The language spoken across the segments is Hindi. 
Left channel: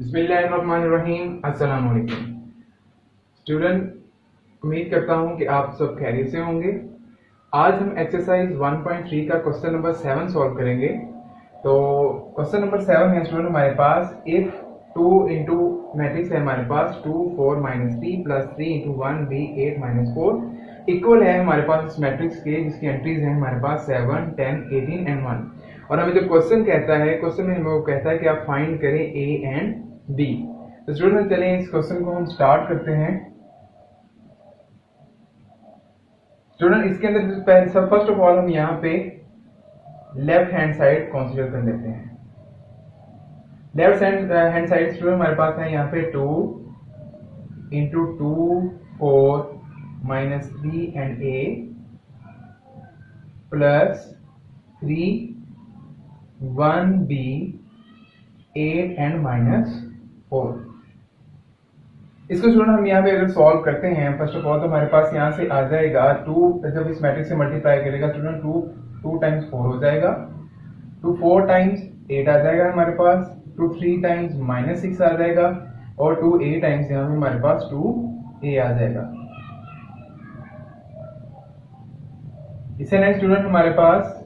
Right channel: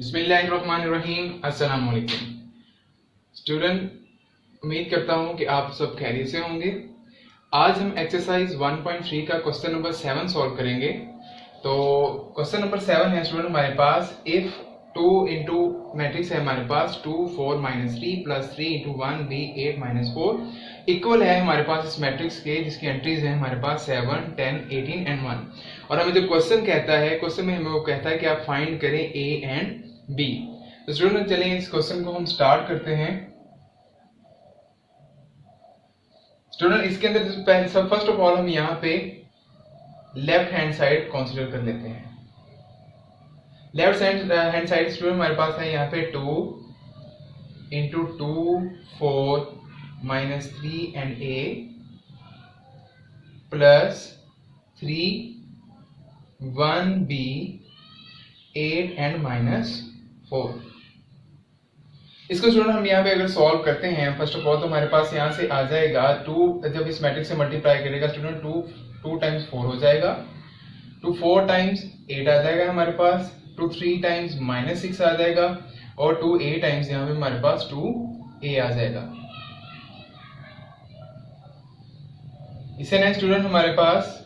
बिस्मिल्लाहिर्रहमानिर्रहीम। अस्सलाम वालेकुम स्टूडेंट, उम्मीद करता हूँ कि आप सब खैरियत से होंगे। आज हम एक्सरसाइज 1.3 का क्वेश्चन नंबर 7 सॉल्व करेंगे। तो क्वेश्चन नंबर 7 है स्टूडेंट हमारे पास, इफ 2 इंटू मैट्रिक्स है हमारे पास 2 4 -3 प्लस 3 इंटू 1 बी 8 -4 इक्वल है हमारे पास इस मैट्रिक्स के, जिसकी एंट्रीज हैं हमारे पास 7 10 18 एंड 1। और हमें जो क्वेश्चन कहता है, क्वेश्चन में हमें वो कहता है कि आप फाइंड करें ए एंड बी। तो स्टूडेंट चलिए इस क्वेश्चन को हम स्टार्ट करते हैं। स्टूडेंट इसके अंदर फर्स्ट ऑफ ऑल हम यहाँ पे लेफ्ट हैंड साइड कंसीडर कर लेते हैं। लेफ्ट हैंड साइड स्टूडेंट हमारे पास है यहाँ पे 2 into 2 4 -3 and a plus 3 1 b 8 and -4। इसको स्टूडेंट हम यहाँ पे अगर सॉल्व करते हैं फर्स्ट ऑफ ऑल, तो हमारे पास यहाँ से आ जाएगा 2, जब इस मैट्रिक्स से मल्टीप्लाई करेगा स्टूडेंट 2 टाइम्स 4 हो जाएगा, 2 4 टाइम्स 8 आ जाएगा हमारे पास, 2 3 टाइम्स -6 आ जाएगा और 2 a टाइम्स यहाँ पे हमारे पास 2a आ जाएगा। इससे नेक्स्ट स्टूडेंट हमारे पास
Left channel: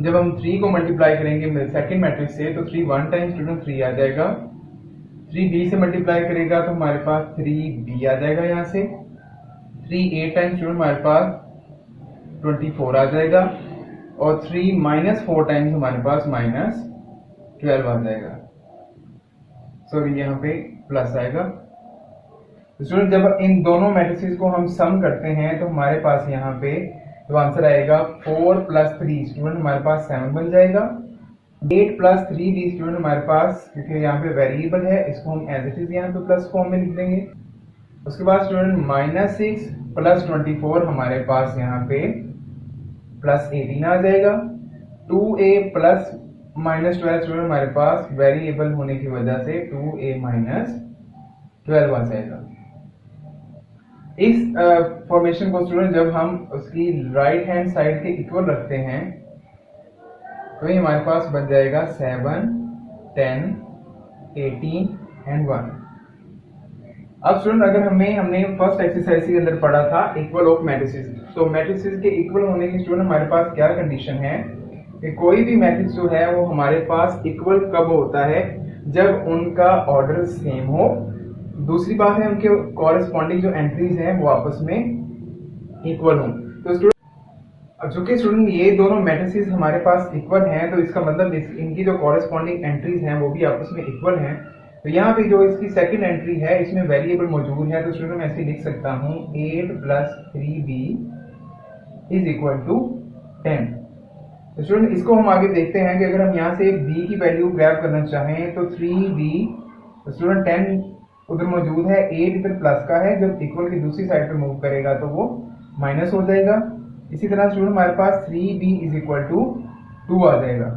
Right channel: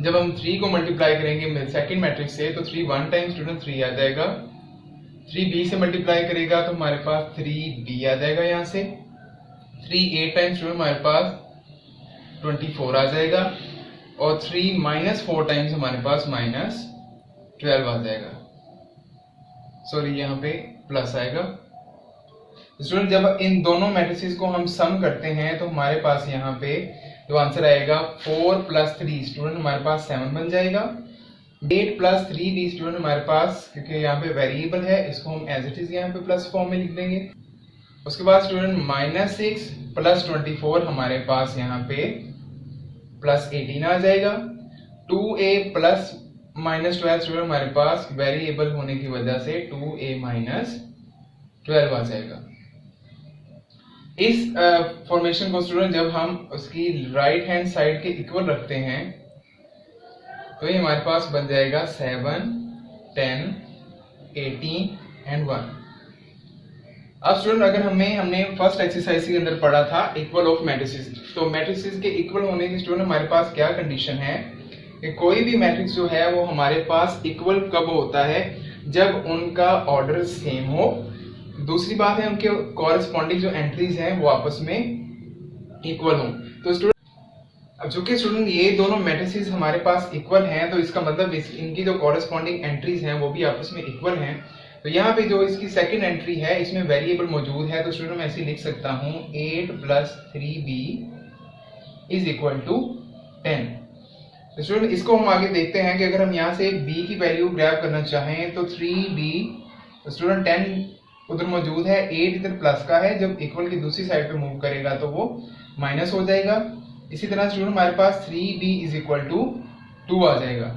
जब हम 3 को मल्टीप्लाई करेंगे सेकंड मैट्रिक्स से, तो 3 1 टाइम स्टूडेंट 3 आ जाएगा, 3b से मल्टीप्लाई करेगा तो हमारे पास 3b आ जाएगा, यहाँ से 3 8 टाइम स्टूडेंट हमारे पास 24 आ जाएगा और 3 -4 टाइम्स हमारे पास -12 आ जाएगा। सॉरी यहाँ पे प्लस आएगा। स्टूडेंट जब इन दोनों मैट्रिसेस को हम सम करते हैं तो हमारे पास यहाँ पे जो आंसर आएगा 4 + 3 स्टूडेंट हमारे पास 7 बन जाएगा, 8 + 3 भी स्टूडेंट हमारे पास, क्योंकि यहाँ पे वेरिएबल है इसको हम एज इट इज यहाँ पे प्लस फॉर्म में लिख देंगे। उसके बाद स्टूडेंट -6 + 24 हमारे पास यहाँ पे +18 आ जाएगा, 2a + -12 स्टूडेंट हमारे पास वेरिएबल होने की वजह से 2a - 12 आ जाएगा। इस फॉर्मेशन को स्टूडेंट जब हम उसकी राइट हैंड साइड के इक्वल रखते हैं तो ये हमारे पास बन जाएगा 7 10 18 एंड 1। अब स्टूडेंट अगर हमने फर्स्ट एक्सरसाइज के अंदर पढ़ा था इक्वल ऑफ मैट्रिसेस, तो मैट्रिसेस के इक्वल होने की स्टूडेंट हमारे पास क्या कंडीशन है कि कोई भी मैट्रिक्स जो है वो हमारे पास इक्वल कब होता है, जब उनका ऑर्डर सेम हो। दूसरी बात है उनके कॉरेस्पॉन्डिंग जो एंट्रीज हैं वो आपस में इक्वल हो। तो स्टूडेंट अब चूंकि स्टूडेंट ये दोनों मैट्रिसेस हमारे पास इक्वल हैं, तो इसका मतलब इनकी जो कॉरेस्पॉन्डिंग एंट्रीज हैं वो भी आपस में इक्वल हैं। तो यहाँ पे जो इसकी सेकंड एंट्री है इसमें वेरिएबल मौजूद है, तो स्टूडेंट मैं ऐसे लिख सकता हूँ 8 + 3b = 10। तो स्टूडेंट इसको हम आगे देखते हैं कि अगर हम यहाँ से b की वैल्यू ग्रैब करना चाहें तो 3b, तो स्टूडेंट 10 उधर मौजूद है, 8 इधर प्लस का है, जब इक्वल की दूसरी साइड पे मूव करेगा तो वो माइनस हो जाएगा। इसी तरह स्टूडेंट हमारे पास 3b = 2 आ जाएगा।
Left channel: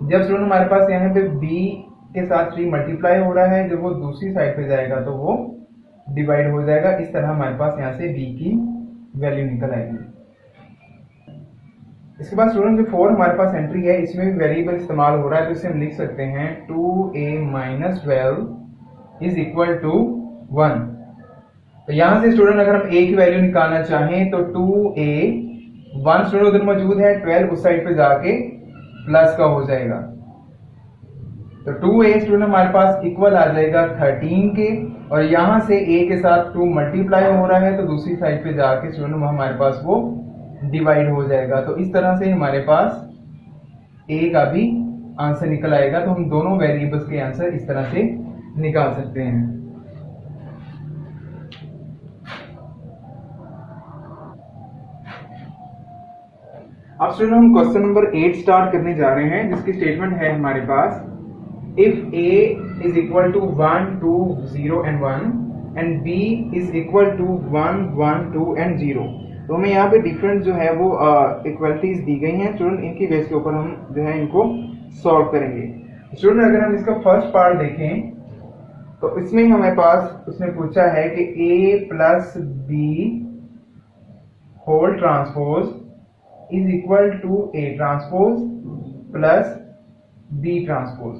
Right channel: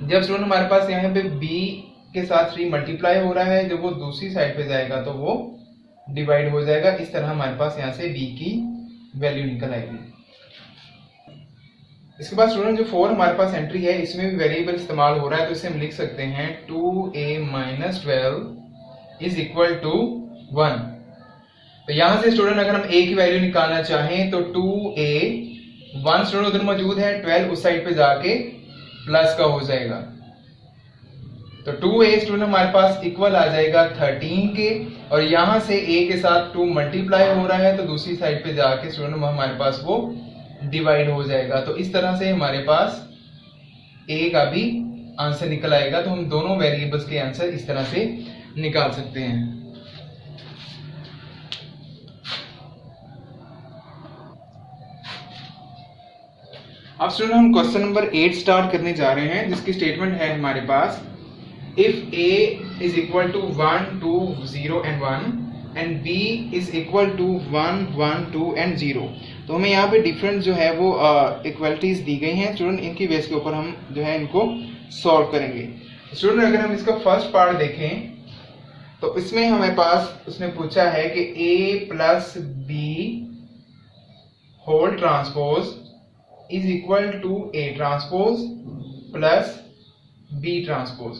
जब स्टूडेंट हमारे पास यहाँ पे b के साथ 3 मल्टीप्लाई हो रहा है, जब वो दूसरी साइड पे जाएगा तो वो डिवाइड हो जाएगा। इस तरह हमारे पास यहाँ से b की वैल्यू निकल आएगी। इसके बाद स्टूडेंट जो 4 हमारे पास एंट्री है इसमें भी वेरिएबल इस्तेमाल हो रहा है, तो इसे हम लिख सकते हैं 2a - 12 = 1। तो यहां से स्टूडेंट अगर हम a की वैल्यू निकालना चाहें तो 2a 1 स्टूडेंट उधर मौजूद है, 12 उस साइड पे जाके प्लस का हो जाएगा, तो 2a स्टूडेंट हमारे पास इक्वल आ जाएगा 13 के, और यहां से a के साथ 2 मल्टीप्लाई हो रहा है तो दूसरी साइड पे जाके स्टूडेंट हमारे पास वो डिवाइड हो जाएगा। तो इस तरह से हमारे पास a का भी आंसर निकल आएगा। तो हम दोनों वेरिएबल्स के आंसर इस तरह से निकाल सकते हैं। अब स्टूडेंट हम क्वेश्चन नंबर 8 स्टार्ट करने जा रहे हैं, जिसकी स्टेटमेंट है हमारे पास, if a = 1 2 0 and 1 and b = 1 1 2 and 0। तो हमें यहाँ पे डिफरेंट जो है वो इक्वलिटीज दी गई हैं स्टूडेंट, इनकी बेस के ऊपर हम जो है इनको सॉल्व करेंगे। स्टूडेंट अगर हम इसका फर्स्ट पार्ट देखें तो इसमें हमारे पास उसने पूछा है कि a + b whole transpose = a transpose + b transpose.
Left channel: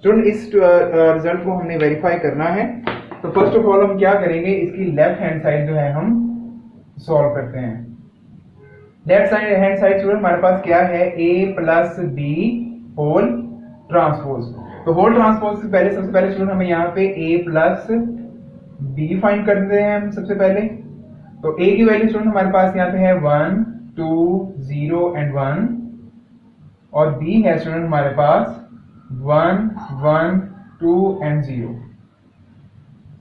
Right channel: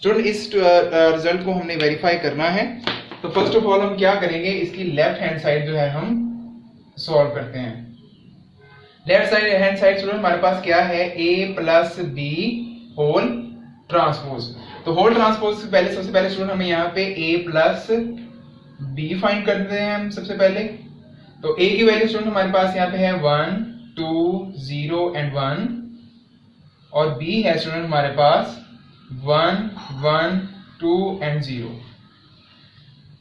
Student इस रिजल्ट को हमने वेरीफाई करना है। तो फर्स्ट ऑफ ऑल हम क्या करेंगे, इसकी लेफ्ट हैंड साइड जो है हम सॉल्व करते हैं। Left side hand side student हमारे पास क्या है, a plus B whole transpose. तो होल ट्रांसपोज से पहले सबसे पहले स्टूडेंट हमें यहाँ पे a प्लस बी फाइंड करते हैं हम सबसे पहले। तो a की वैल्यू स्टूडेंट हमारे पास यहाँ पे है 1 2 0 एंड 1 और b है स्टूडेंट हमारे पास 1 1 2 एंड 0।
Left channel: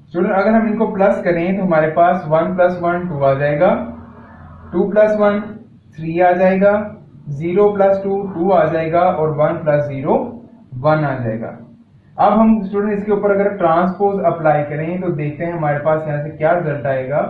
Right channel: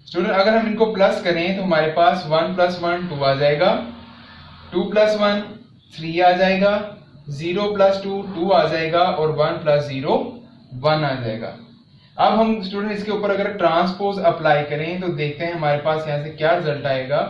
स्टूडेंट अगर हम इनको प्लस करें तो हमारे पास 1 प्लस 1 2 आ जाएगा, 2 प्लस 1 3 आ जाएगा, 0 प्लस 2 2 आ जाएगा और 1 प्लस 0 1 आ जाएगा। अब हम स्टूडेंट इसके ऊपर अगर ट्रांसपोज अप्लाई करें तो देखते हैं हमारे पास यहाँ से क्या रिजल्ट आएगा।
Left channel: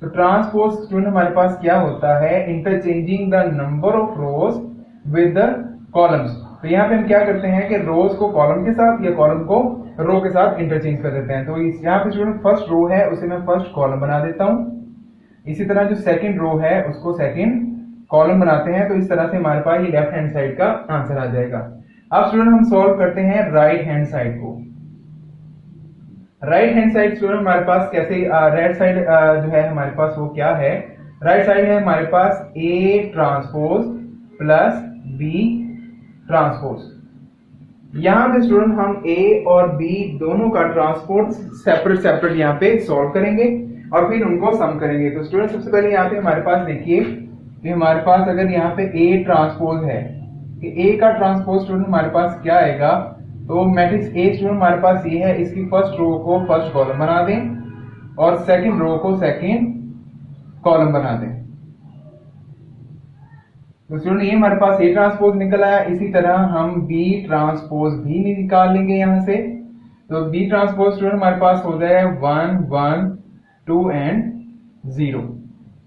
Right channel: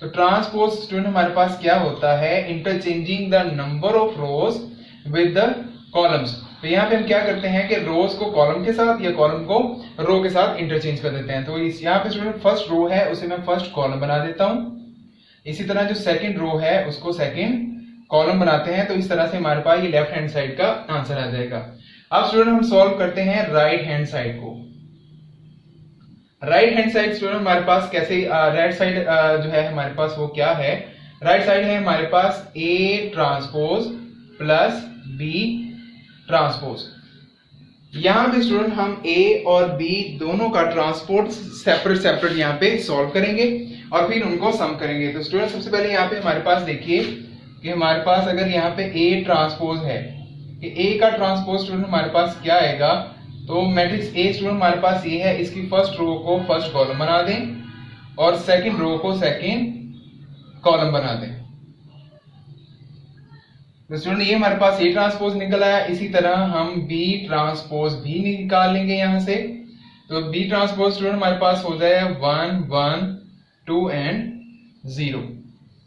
तो ट्रांसपोज स्टूडेंट हमारे पास क्या होता है, interchanging the number of rose with the columns. तो यहाँ पे हम क्या करते हैं कि रोज को कॉलम के साथ या कॉलम को रो के साथ इंटरचेंज कर देते हैं। तो इस यहाँ पे स्टूडेंट फर्स्ट रो है उसे मैं फर्स्ट कॉलम बना देता हूँ। इसी तरह जो सेकंड रो है उसको सेकंड कॉलम बनाते हैं। तो इस तरह से हमारे पास ये लेफ्ट हैंड साइड का आंसर आ जाएगा। अब स्टूडेंट हम सॉल्व करते हैं राइट हैंड साइड को। राइट हैंड साइड स्टूडेंट हमारे पास कैसे, राइट साइड जो है हमारे पास वो क्या है, राइट साइड है हमारे पास a transpose plus b transpose. यहाँ पे स्टूडेंट हम a और b दोनों का ट्रांसपोर्ट सेपरेट सेपरेट यहाँ पे सॉल्व करेंगे और फिर उनको सम करेंगे। तो स्टूडेंट सबसे पहले यहाँ पे हमारे पास देखिए कि हमारे पास अगर यहाँ पे a ट्रांसपोज है कि a का ट्रांसपोज स्टूडेंट हमारे पास क्या आएगा, तो मैट्रिक्स A स्टूडेंट हमारे पास ये है, इसकी फर्स्ट रो को फर्स्ट कॉलम बना दें और सेकंड रो को सेकंड कॉलम बना दें। तो स्टूडेंट ये हमारे पास A ट्रांसपोज निकल आया। इसी तरह हम B ट्रांसपोज भी निकाल लेंगे यहाँ से। तो B ट्रांसपोज स्टूडेंट हमारे पास हो जाएगा 1 1 2 एंड 0।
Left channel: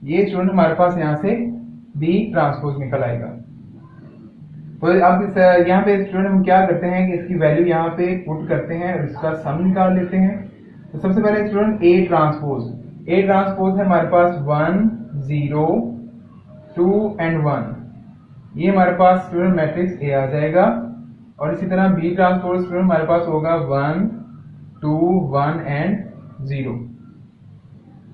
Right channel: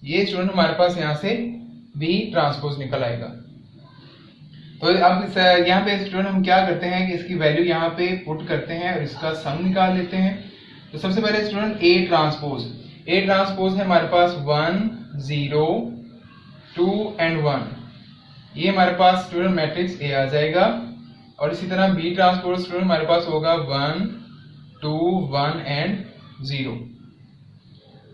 ये स्टूडेंट हमारे पास यहाँ से B ट्रांसपोज निकल आएगा। तो अब यहाँ पे स्टूडेंट हम क्या करते हैं कि इसकी वैल्यू यहाँ पे पुट करते हैं और इसका सम निकाल लेते हैं। तो सबसे पहले स्टूडेंट A ट्रांसपोज है हमारे पास 1 0 2 एंड 1। ये हमारे पास स्टूडेंट मैट्रिक्स A आ जाएगा। और इसी तरह B ट्रांसपोज स्टूडेंट हमारे पास होगा 1 2 1 एंड 0।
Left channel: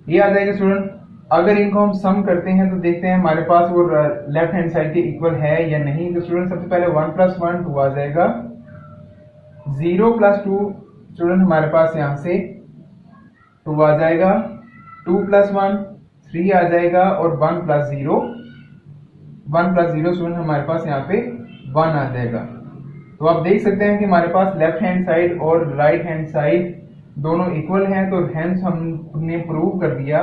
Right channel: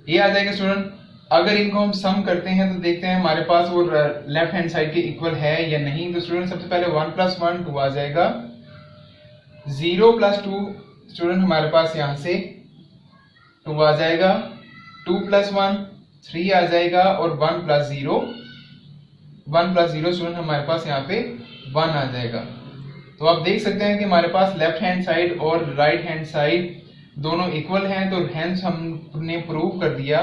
ये आ जाएगा स्टूडेंट। अगर इनको हम सम करते हैं तो देखते हैं हमारे पास वो लेफ्ट हैंड साइड के इक्वल है या नहीं। तो स्टूडेंट सबसे पहले 1 प्लस 1 2 आ जाएगा, 0 प्लस 2 स्टूडेंट हमारे पास यहाँ से 2 आ जाएगा, 2 प्लस 1 3 आ जाएगा और 1 प्लस 0 स्टूडेंट हमारे पास यहाँ पे 1 आ जाएगा। तो आप देख सकते हैं कि हमारे पास लेफ्ट हैंड साइड और राइट हैंड साइड दोनों इक्वल हैं। तो हेंस हमने प्रूव कर दिया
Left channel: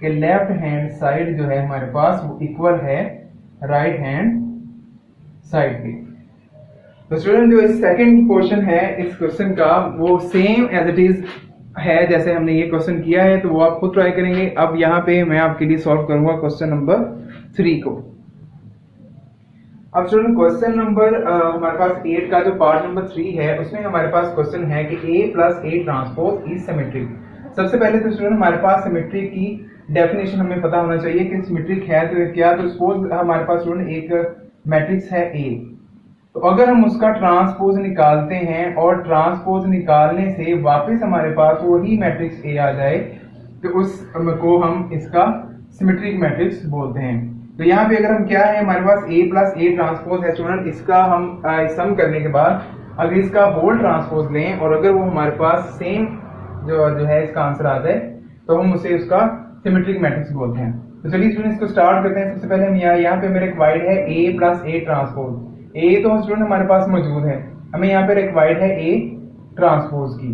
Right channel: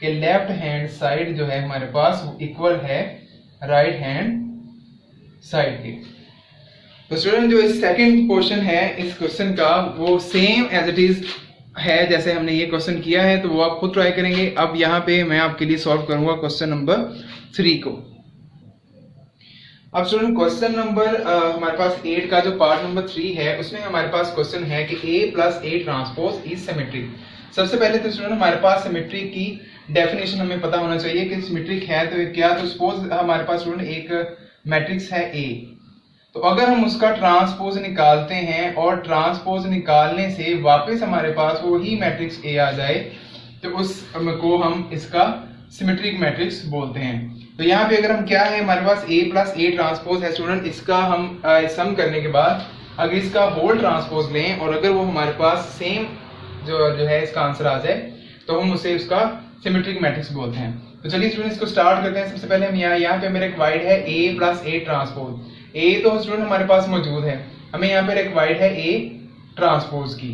कि लेफ्ट हैंड साइड जो है हमारे पास वो इक्वल है राइट हैंड साइड के। तो स्टूडेंट जो सेकंड क्वेश्चन है इस क्वेश्चन का वो सेम एज इट इज है जैसे हमने ये क्वेश्चन किया है। तो वो आप खुद ट्राई करेंगे। अब यहाँ पे मैं आपके लिए सॉल्व करूंगा क्वेश्चन नंबर 3 को। अब स्टूडेंट क्वेश्चन नंबर हमारे पास 8 का जो पार्ट नंबर 3 है उसमें हमारे पास क्वेश्चन है कि A plus A transpose is symmetric. सबसे पहले तो स्टूडेंट हमारे पास सिमेट्रिक की डेफिनेशन हमें पता होना चाहिए कि सिमेट्रिक है तो क्या। तो सपोज हमारे पास स्टूडेंट एक मैट्रिक्स है A, तो अगर हम उसका ट्रांसपोज निकालते हैं और ट्रांसपोज निकालने से वापस हमारे पास वही मैट्रिक्स A आ जाए तो उसको हम इसका सिमेट्रिक मैट्रिक्स बोलते हैं। तो यहाँ पे अगर हम क्या है हमारे पास A प्लस A ट्रांसपोज है स्टूडेंट, इसका हम सम करने के बाद अगर इसका होल ट्रांसपोज लें और अगर वो हमारे पास सेम जो है इसका आंसर आ जाए तो हम उसे उसका सिमेट्रिक मैट्रिक्स बोलते हैं। तो चलिए स्टूडेंट इसको स्टार्ट करते हैं। सबसे पहले हम यहाँ पे मेरा रिक्वायर्ड है A plus A transpose. A तो स्टूडेंट हमारे पास मौजूद है, हमें यहाँ पे रिक्वायर्ड है A ट्रांसपोज की।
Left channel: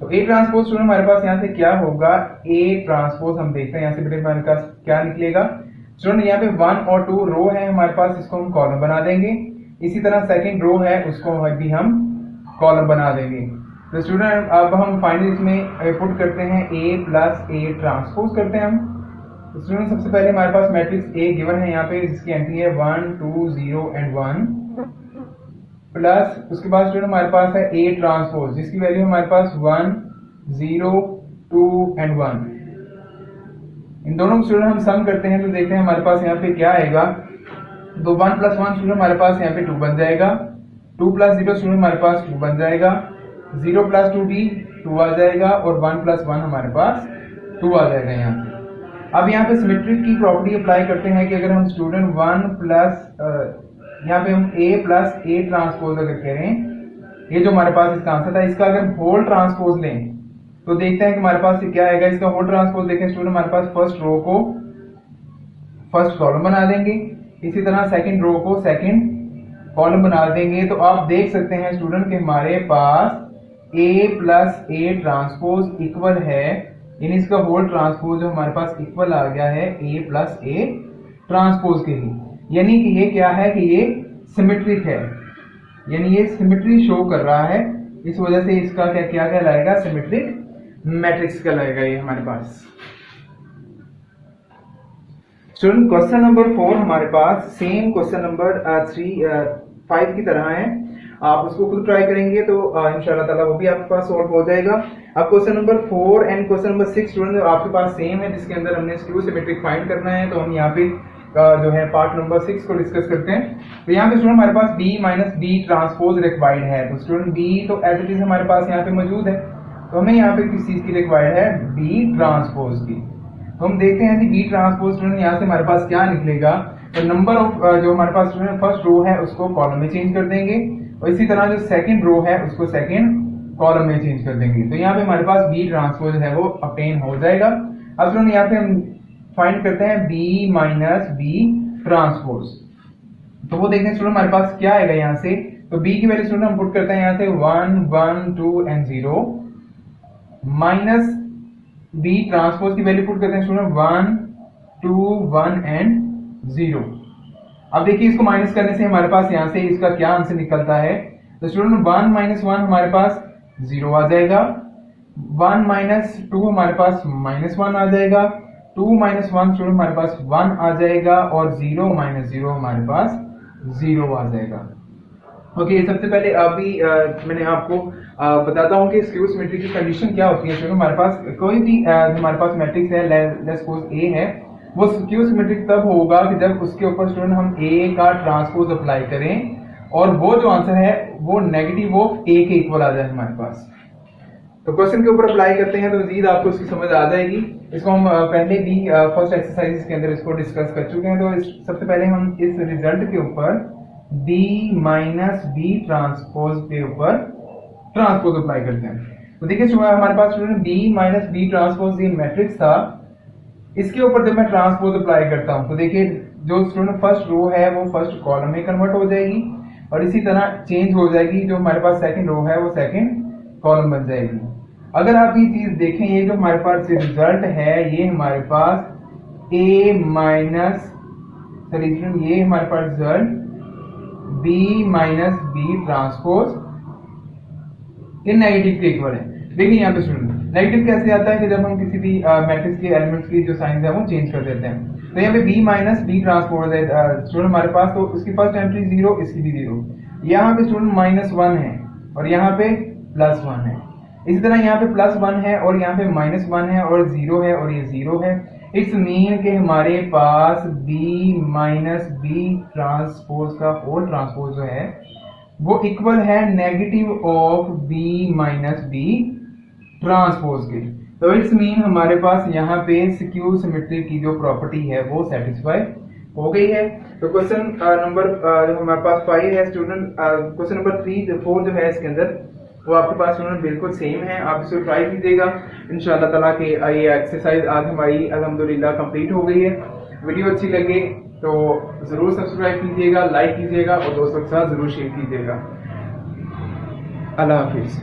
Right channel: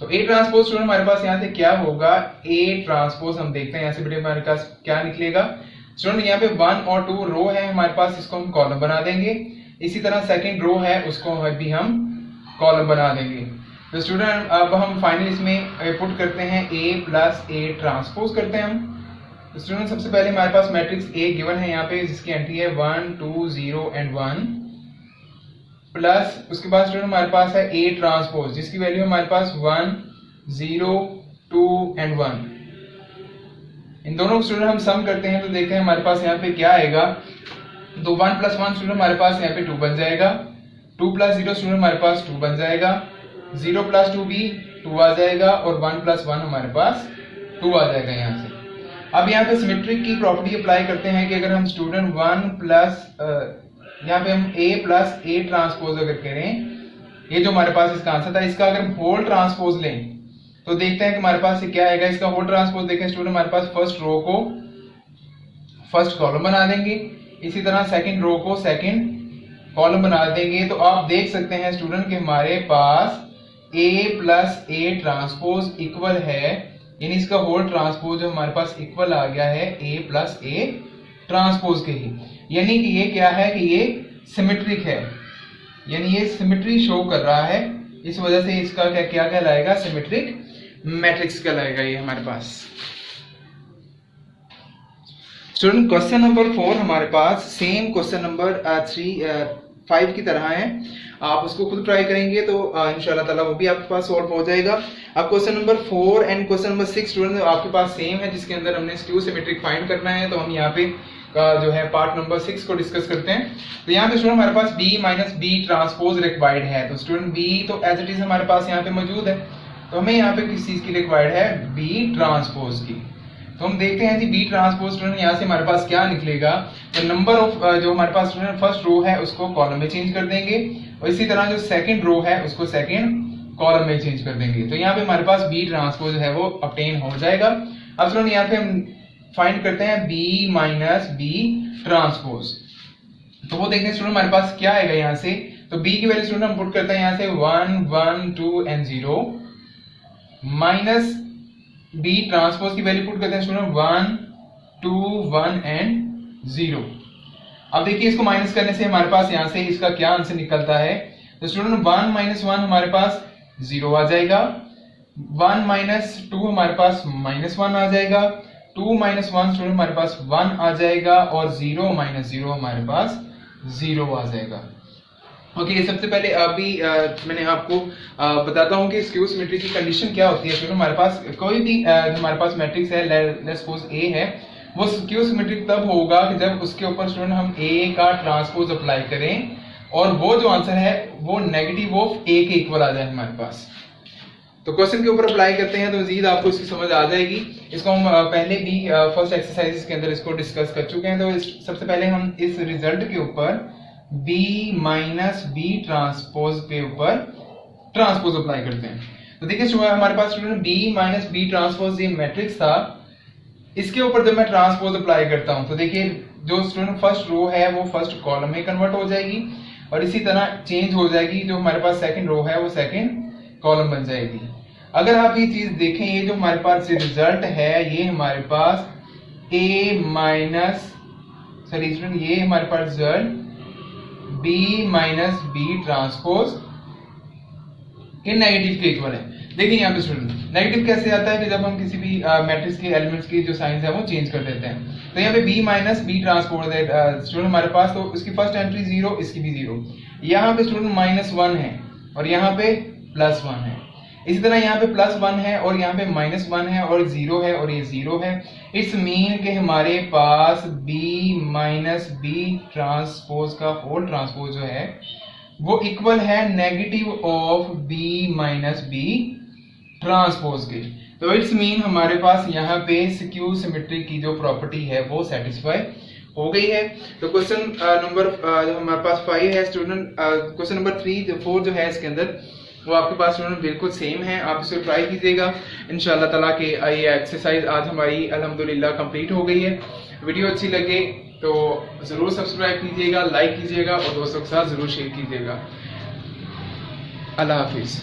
तो A ट्रांसपोज स्टूडेंट हमारे पास यहाँ से क्या होगा, A ट्रांसपोज हम देखते हैं यहाँ से बेटे हमारे पास क्या निकलेगा। स्टूडेंट यहाँ पे 1 और 2 रो है हमारे पास, इसको हम कॉलम बना देंगे। इसी तरह सेकंड रो है उसको भी हम कॉलम बना देंगे। तो स्टूडेंट अब हम फाइनल इसमें पुट करते हैं A प्लस A ट्रांसपोज करते हैं हम। तो स्टूडेंट सबसे पहले हमारे पास मैट्रिक्स A गिवन है यहाँ पे जिसकी एंट्री है 1 2 0 एंड 1 प्लस उसके बाद स्टूडेंट हमारे पास है A ट्रांसपोज जिसकी वैल्यू हमारे पास 1 0 2 एंड 1। इन दोनों स्टूडेंट हम सम करते हैं तो देखते हैं हमारे पास यहाँ पे क्या आएगा। तो 1 प्लस 1 स्टूडेंट हमारे पास यहाँ पे 2 बन जाएगा, 2 प्लस 0 स्टूडेंट हमारे पास 2 बन जाएगा, 0 प्लस 2 भी 2 आ जाएगा और 1 प्लस 1 हमारे पास 2 आ जाएगा यहाँ से। अब यहाँ पे सिमेट्रिक की प्रॉपर्टी अप्लाई करते हैं कि अगर हम स्टूडेंट 1 प्लस यहाँ पे हम a प्लस a ट्रांसपोज अगर करें, ये जो हमारे पास इसका आंसर था, इसका अगर हम होल ट्रांसपोज लें तो देखते हैं कि हमारे पास ये क्या आएगा। इसका होल ट्रांसपोज देखें स्टूडेंट, हमारे पास फर्स्ट रो को फर्स्ट कॉलम बना देंगे, इसी तरह सेकंड रो को सेकंड कॉलम बना देंगे। तो आप देख सकते हैं स्टूडेंट कि हमारे पास a plus a transpose equal है, यानी इसका होल ट्रांसपोज जो हमारे पास इक्वल आ गया है a प्लस a ट्रांसपोज के ही, यानी कि ये क्या है कि ये सिमेट्रिक है, यानी ये सिमेट्री शो कर रहा है। इस वजह से इसका क्या क्या कहलाएगा, सिमेट्रिक मैट्रिक्स कहलाएगा ये हमारे पास। स्टूडेंट क्वेश्चन नंबर 4 हमारे पास सेम क्वेश्चन नंबर 5 की तरह है, आप उसको खुद ट्राई करेंगे तो इंशाल्लाह ताला वो भी आपके पास सॉल्व हो जाएगा। अब question number 4 and question number 6 student आपके पास सेम है, जिसके अंदर हमने स्क्यू सिमेट्रिक फाइंड करना है। तो हम यहाँ पे जो है पार्ट नंबर 6 को डिस्कस करते हैं। तो यहाँ पे स्टूडेंट हमारे पास b minus b transpose required है, तो स्टूडेंट b तो एज इट इज हमारे पास यहाँ पे मौजूद है, तो हमें यहाँ पे किस चीज की रिक्वायर्ड है, b ट्रांसपोज की। तो हम देखते हैं जी b ट्रांसपोज स्टूडेंट यहाँ से हमारे पास क्या निकलेगा। तो नंबर ऑफ जो हमारे पास स्टूडेंट फर्स्ट रो है उसको कॉलम में चेंज कर देंगे, और इसी तरह जो सेकंड रो है उसको सेकंड कॉलम में चेंज कर देंगे। तो यहाँ पे हमारे पास b ट्रांसपोज है वो ऑब्टेन हो जाएगा। अब स्टूडेंट यहाँ पे हम फाइंड करते हैं b माइनस b ट्रांसपोज, तो वो देखते हैं स्टूडेंट हमारे पास क्या आएगा यहाँ से। तो b की वैल्यू स्टूडेंट हम पुट करते हैं यहाँ से 1 1 2 एंड 0 माइनस b ट्रांसपोज की वैल्यू पुट करते हैं स्टूडेंट 1 2 1 एंड 0। अब देखिए इसको माइनस करने से हमारे पास यहाँ से इसका क्या आंसर निकलता है। तो स्टूडेंट 1 माइनस 1 हमारे पास 0 आ जाएगा, 1 माइनस 2 हमारे पास माइनस 1 आ जाएगा, 2 माइनस 1 स्टूडेंट हमारे पास 1 आ जाएगा, और 0 माइनस 0 हमारे पास 0 आ जाएगा। ओके, सबसे पहले अभी मैंने आपको बताता हूँ कि स्क्यू सिमेट्री की कंडीशन क्या होती है। स्टूडेंट हमारे पास कोई भी हमारे पास मैट्रिक्स है, लेट्स सपोज a है, वो स्क्यू सिमेट्रिक तब होगा कि जब उसके ऊपर स्टूडेंट हम a का ट्रांसपोज अप्लाई करें और वो जो आंसर है वो नेगेटिव ऑफ a के इक्वल आ जाए हमारे पास। तो क्वेश्चन के ऊपर अप्लाई करते हैं तो मजीद आपको इसकी समझ आ जाएगी। इसको हम पहले भी फर्स्ट एक्सरसाइज के अंदर इसको डिस्कस कर चुके हैं। तो सबसे पहले हम इस रिजल्ट के ऊपर b माइनस b ट्रांसपोज के ऊपर ट्रांसपोज अप्लाई करते हैं। तो देखिए हमारे पास student b minus b transpose ये मैट्रिक्स था, इसके ऊपर जब मैं ट्रांसपोज अप्लाई करता हूं तो देखिए जो स्टूडेंट फर्स्ट रो है वो फर्स्ट कॉलम में कन्वर्ट हो जाएगी, और इसी तरह चेंज हो जाएगी, जो हमारे पास सेकंड रो है वो सेकंड कॉलम बन जाएगी। अगर आप ये चीज देखें, ये जो हमारे पास रिजल्ट है ये हमारे पास a माइनस सॉरी स्टूडेंट ये हमारे पास result b minus b transpose के नेगेटिव के इक्वल है। देखिए यहाँ पे स्टूडेंट नेगेटिव कैसे आता है कि जब हम किसी भी मैट्रिक्स के एलिमेंट्स की जो साइंस है वो चेंज कर देते हैं। तो यहाँ पे b माइनस b ट्रांसपोज है स्टूडेंट हमारे पास, तो इसकी फर्स्ट एंट्री 0, इसकी भी 0, यहाँ पे स्टूडेंट -1 है और यहाँ पे +1 है, इसी तरह यहाँ पे +1 है और यहाँ पे -1 है और 0 है और ये 0 है। इट्स मीन के हमारे पास b माइनस b ट्रांसपोज का होल ट्रांसपोज जो है वो इक्वल है negative of b minus b transpose के। तो इट्स मीन हमारे पास यहाँ पे स्क्यू सिमेट्री की जो प्रॉपर्टी है वो सेटिस्फाई हो गई है। तो क्वेश्चन नंबर जो हमारे पास 5 है स्टूडेंट, क्वेश्चन नंबर 4 जो है इसके अंदर वो आपके पास स्टूडेंट बिल्कुल सेम है। आप इसको ट्राई कीजिएगा इंशाल्लाह ताला के ये एक्सरसाइज आज हमारी अल्हम्दुलिल्लाह कंप्लीट हो गई है। वीडियो अच्छी लगे तो जरूर सब्सक्राइब कीजिएगा, लाइक कीजिएगा और दोस्तों के साथ जरूर शेयर कीजिएगा। अल्लाह हाफिज।